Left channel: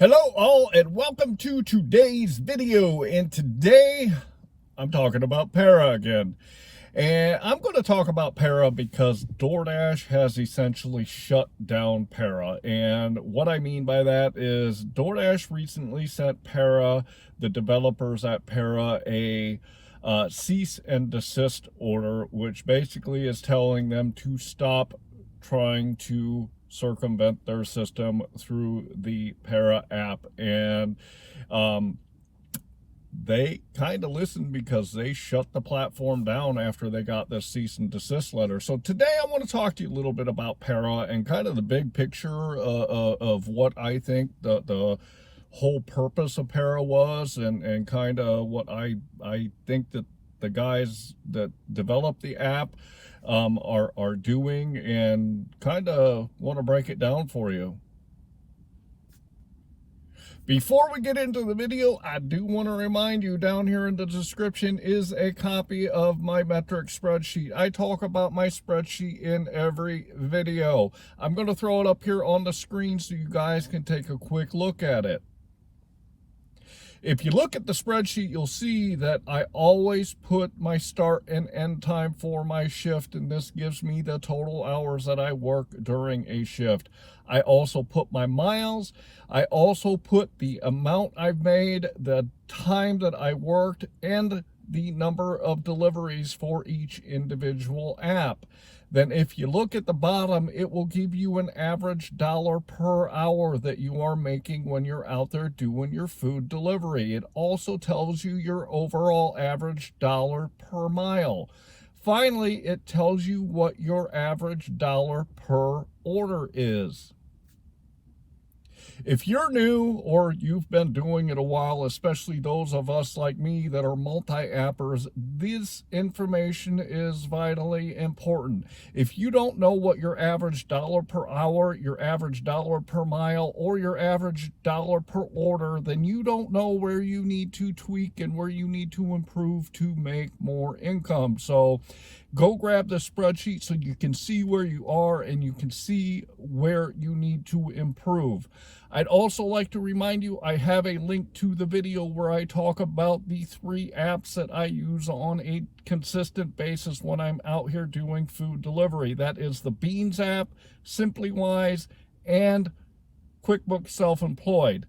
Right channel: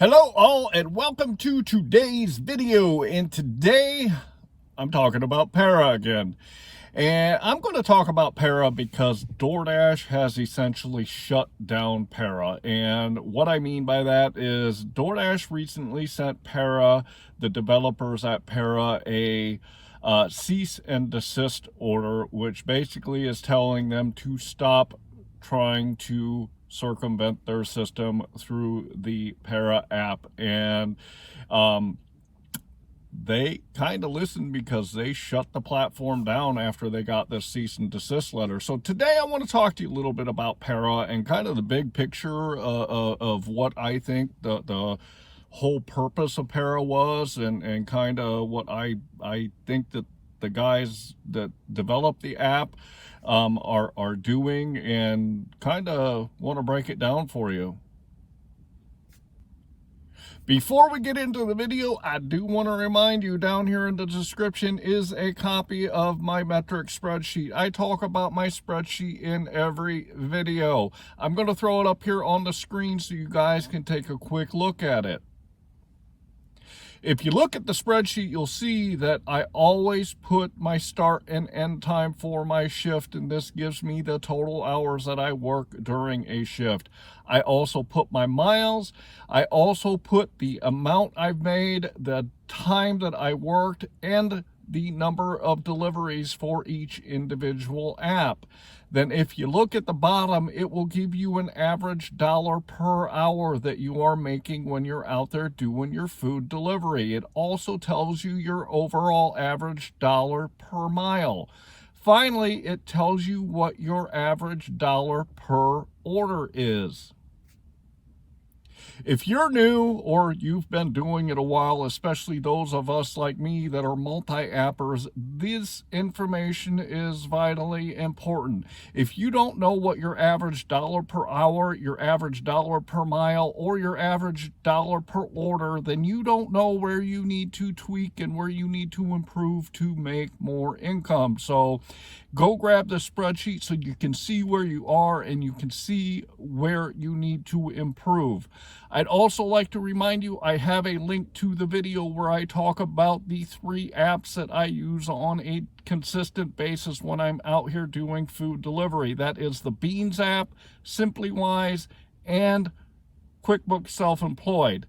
Hello all and welcome to today's video, and today I'm talking about Para again. And I'm going to talk about Para because DoorDash has essentially shut down Para. And what I mean by that is DoorDash recently sent Para, the developers at Para, a cease and desist order, which basically is telling them to stop trying to circumvent their system through the Para app. And they kind of listened because they shut the platform down after they got this cease and desist letter. So today I want to talk to you a little bit about Para and kind of the big picture of what I think the whole purpose of Para was, and kind of what I think that the guys that developed the app are doing, and kind of want to break it down for you. Before we get into the video, I do want to remind you, down here in the description is a copy of my metric spreadsheet. I talk about my spreadsheet in every video. I'm going to throw it up here on the screen so you guys can take a quick look at it. If you look at the spreadsheet, you'll see that I always put my start and end time for my shift, and this gives me the total hours that I work during a shift. I also put my miles. I also put the amount I've made, the time that I worked, and the number of deliveries for each individual app. Then if you look at the bottom, it will give you an average dollar per hour that you are making when you're out there doing your food delivery. It also tells you your overall average dollar per mile. Finally, it tells you what your average dollar per order is. If you're new or you've been doing it a while, especially those of us like me that are multi-appers, this information is vitally important. If you don't know what your average dollar per hour, your average dollar per mile, or your average dollar per order, then you don't know where you need to tweak and where you need to improve to make more income. So go grab the spreadsheet so you can see where you are and you can see where you need to improve. I'd also like to remind you, I have a link to the video where I talk about the 3 apps that I use on a consistent basis when I'm out here doing food delivery. That is the Beans app, SimplyWise, and QuickBooks Self-Employed.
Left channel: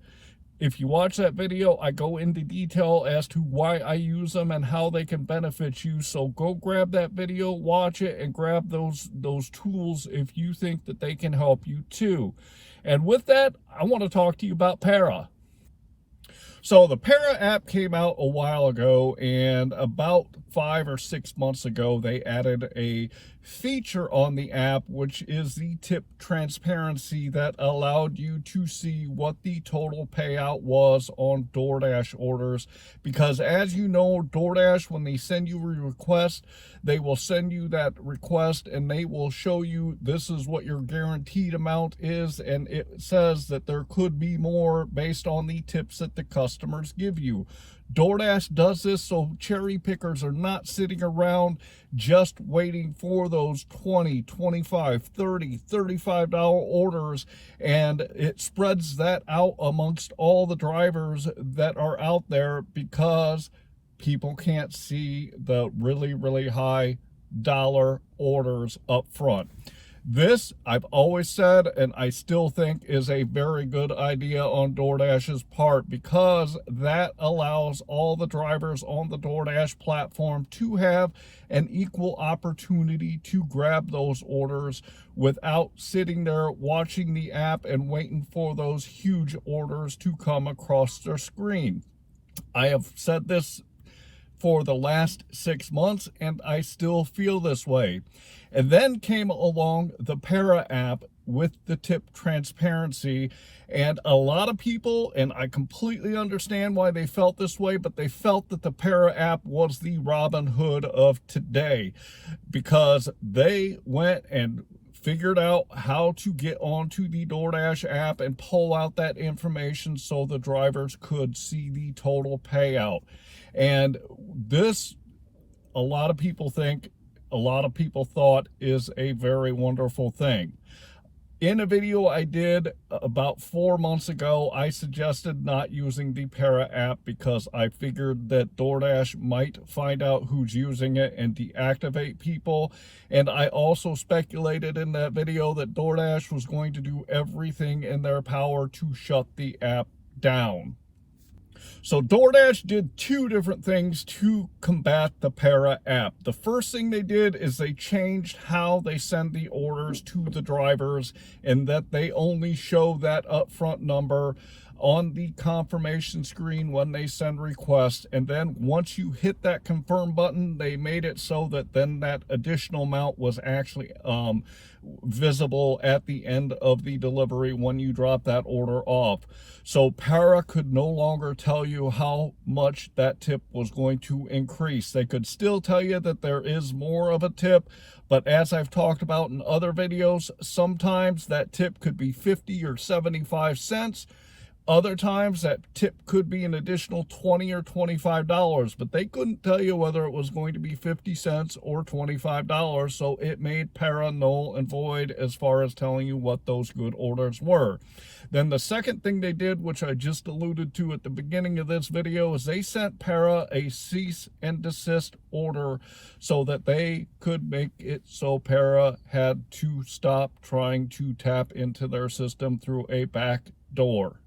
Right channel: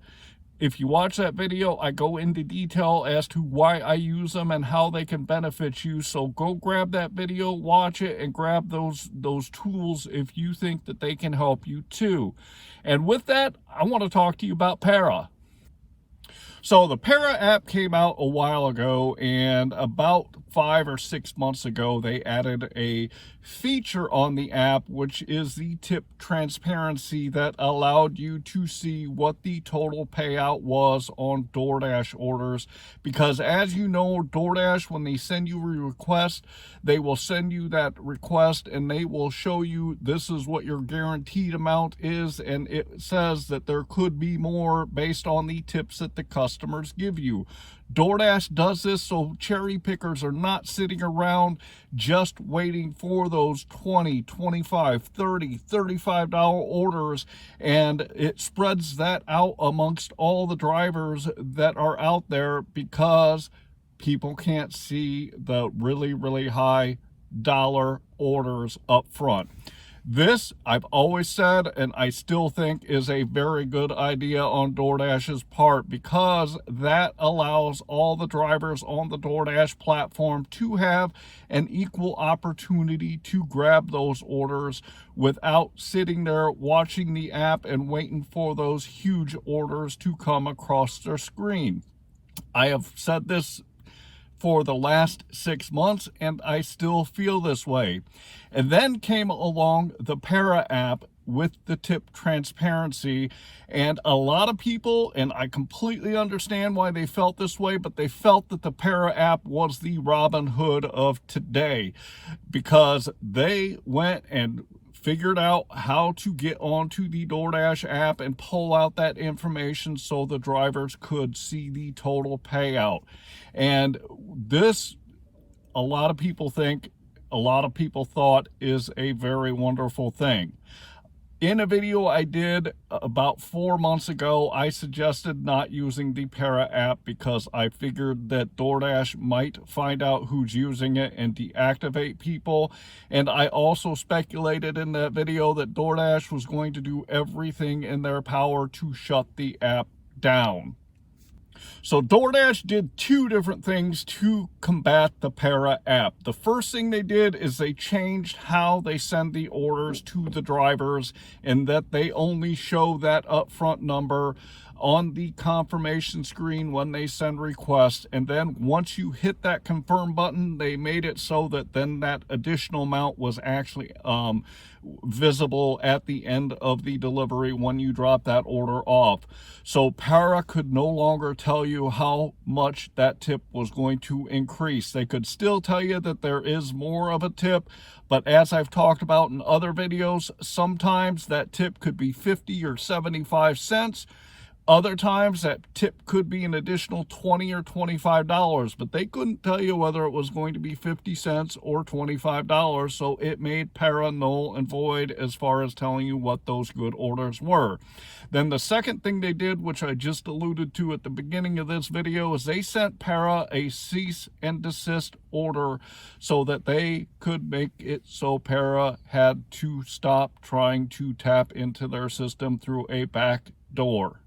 If you watch that video, I go into detail as to why I use them and how they can benefit you. So go grab that video, watch it, and grab those tools if you think that they can help you too. And with that, I want to talk to you about Para. So the Para app came out a while ago, and about 5 or 6 months ago, they added a feature on the app, which is the tip transparency, that allowed you to see what the total payout was on DoorDash orders. Because as you know, DoorDash, when they send you a request, they will send you that request and they will show you this is what your guaranteed amount is, and it says that there could be more based on the tips that the customers give you. DoorDash does this so cherry pickers are not sitting around just waiting for those $20, $25, $30, $35 orders, and it spreads that out amongst all the drivers that are out there, because people can't see the really high dollar orders up front. This, I've always said, and I still think, is a very good idea on DoorDash's part, because that allows all the drivers on the DoorDash platform to have an equal opportunity to grab those orders without sitting there watching the app and waiting for those huge orders to come across their screen. I have said this for the last 6 months, and I still feel this way. And then came along the Para app with the tip transparency, and a lot of people, and I completely understand why they felt this way, but they felt that the Para app was the Robinhood of today, because they went and figured out how to get onto the DoorDash app and pull out that information so the drivers could see the total payout. And this, a lot of people thought is a very wonderful thing. In a video I did about 4 months ago, I suggested not using the Para app because I figured that DoorDash might find out who's using it and deactivate people. And I also speculated in that video that DoorDash was going to do everything in their power to shut the app down. So DoorDash did two different things to combat the Para app. The first thing they did is they changed how they send the orders to the drivers, and that they only show that upfront number on the confirmation screen when they send requests. And then once you hit that confirm button, they made it so that then that additional amount was actually visible at the end of the delivery when you drop that order off. So Para could no longer tell you how much that tip was going to increase. They could still tell you that there is more of a tip, but as I've talked about in other videos, sometimes that tip could be 50 or 75 cents. Other times that tip could be an additional $20 or $25, but they couldn't tell you whether it was going to be 50 cents or $25, so it made Para null and void as far as telling you what those good orders were. Then the second thing they did, which I just alluded to at the beginning of this video, is they sent Para a cease and desist order so that they could make it so Para had to stop trying to tap into their system through a back door.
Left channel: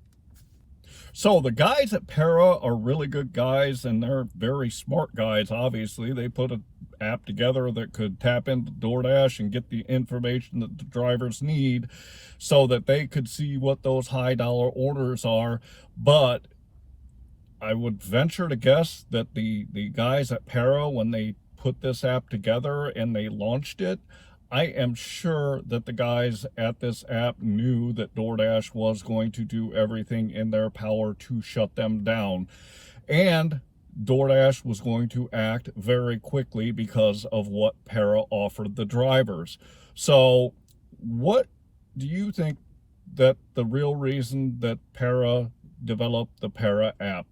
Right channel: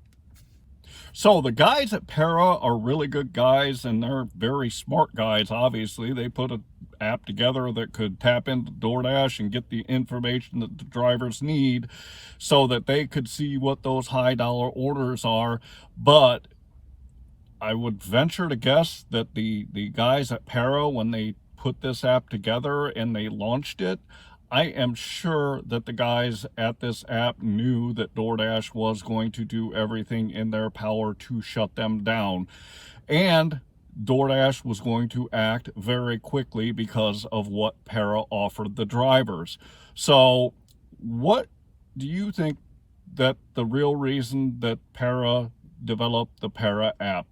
So the guys at Para are really good guys, and they're very smart guys. Obviously, they put an app together that could tap into DoorDash and get the information that the drivers need so that they could see what those high dollar orders are. But I would venture to guess that the guys at Para, when they put this app together and they launched it, I am sure that the guys at this app knew that DoorDash was going to do everything in their power to shut them down. And DoorDash was going to act very quickly because of what Para offered the drivers. So what do you think that the real reason that Para developed the Para app?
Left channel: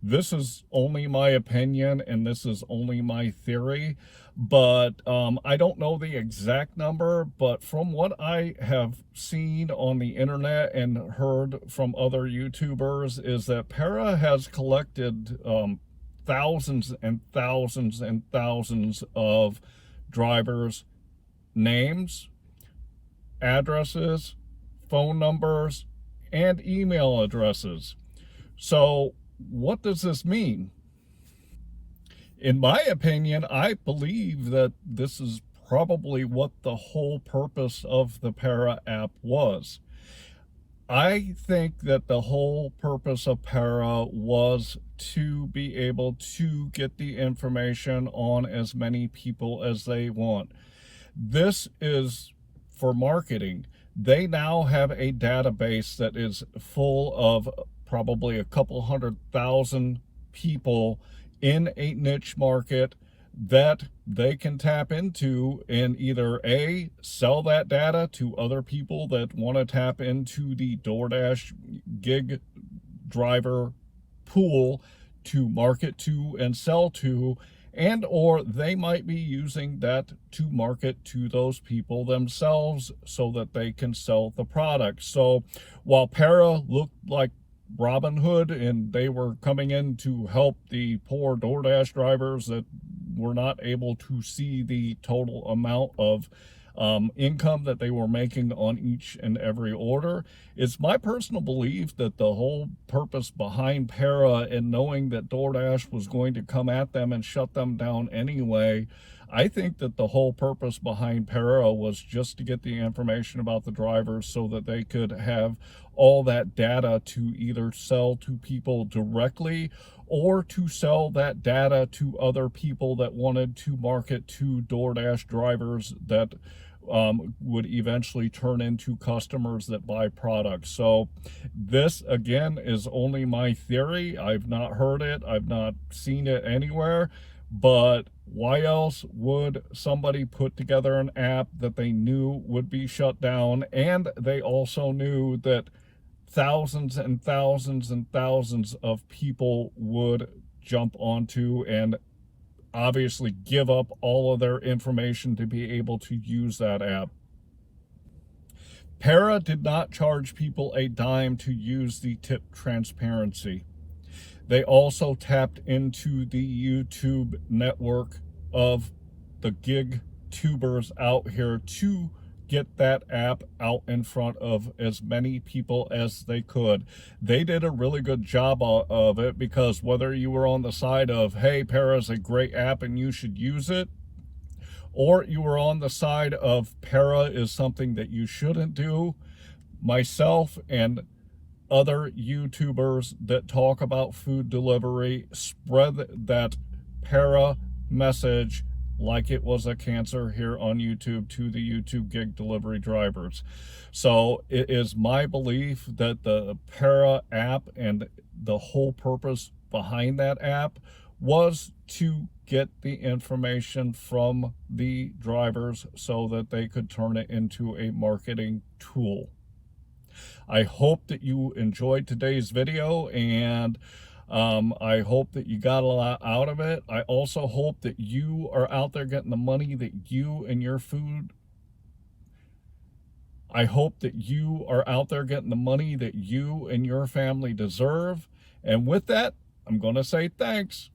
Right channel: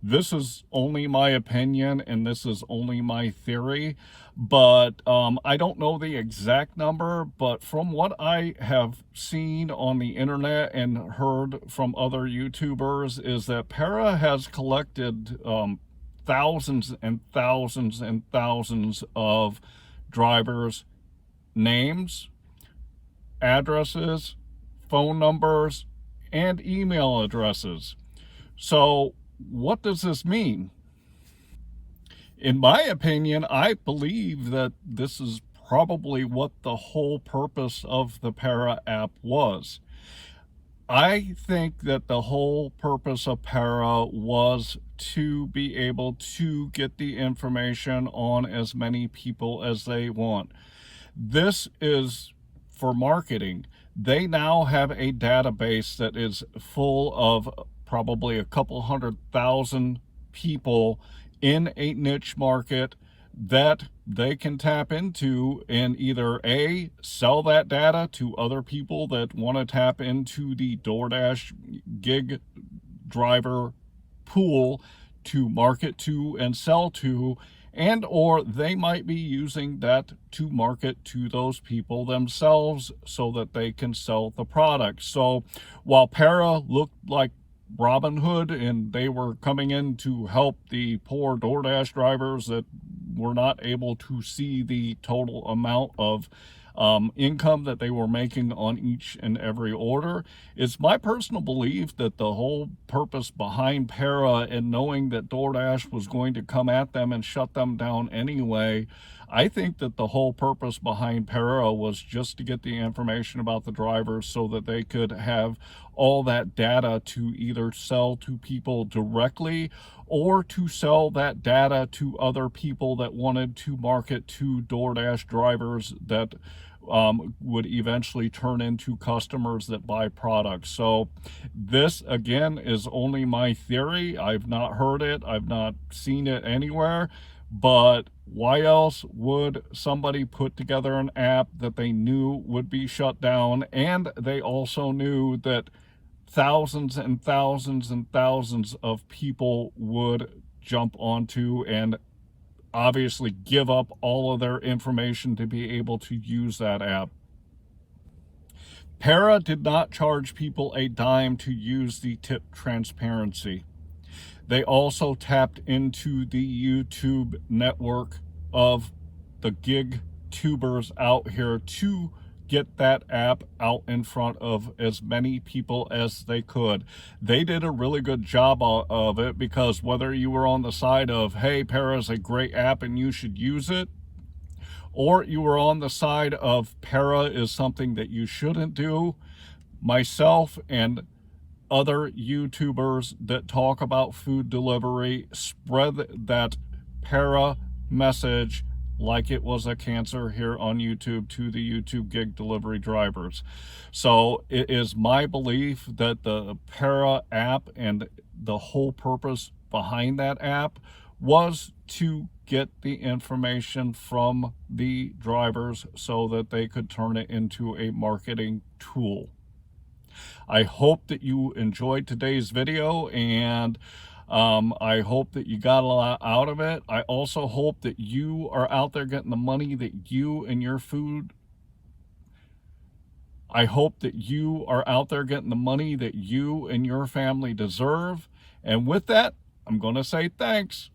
This is only my opinion, and this is only my theory, but I don't know the exact number, but from what I have seen on the internet and heard from other YouTubers is that Para has collected thousands and thousands and thousands of drivers' names, addresses, phone numbers, and email addresses. So what does this mean? In my opinion, I believe that this is probably what the whole purpose of the Para app was. I think that the whole purpose of Para was to be able to get the information on as many people as they want. This is for marketing. They now have a database that is full of probably a couple 100,000 people in a niche market that they can tap into and either A, sell that data to other people that want to tap into the DoorDash gig driver pool to market to and sell to, and or they might be using that to market to those people themselves so that they can sell the product. So while Para looked like Robinhood and they were coming in to help the poor DoorDash drivers that were not able to see the total amount of income that they were making on each and every order, it's my personal belief that the whole purpose behind Para and knowing that DoorDash was going to come at them and shut them down anyway, I think that the whole purpose behind Para was just to get the information about the drivers so that they could have all that data to either sell to people directly or to sell that data to other people that wanted to market to DoorDash drivers that would eventually turn into customers that buy products. So this, again, is only my theory. I've not heard it. I've not seen it anywhere. But why else would somebody put together an app that they knew would be shut down? And they also knew that thousands and thousands and thousands of people would jump onto and obviously give up all of their information to be able to use that app. Para did not charge people a dime to use the tip transparency. They also tapped into the YouTube network of the gig tubers out here to get that app out in front of as many people as they could. They did a really good job of it, because whether you were on the side of, hey, Para is a great app and you should use it, or you were on the side of Para is something that you shouldn't do, myself and other YouTubers that talk about food delivery spread that Para message like it was a cancer here on YouTube to the YouTube gig delivery drivers. So it is my belief that the Para app and the whole purpose behind that app was to get the information from the drivers so that they could turn it into a marketing tool. I hope that you enjoyed today's video, and I hope that you got a lot out of it. I also hope that you are out there getting the money that you and your food. I hope that you are out there getting the money that you and your family deserve. And with that, I'm going to say thanks.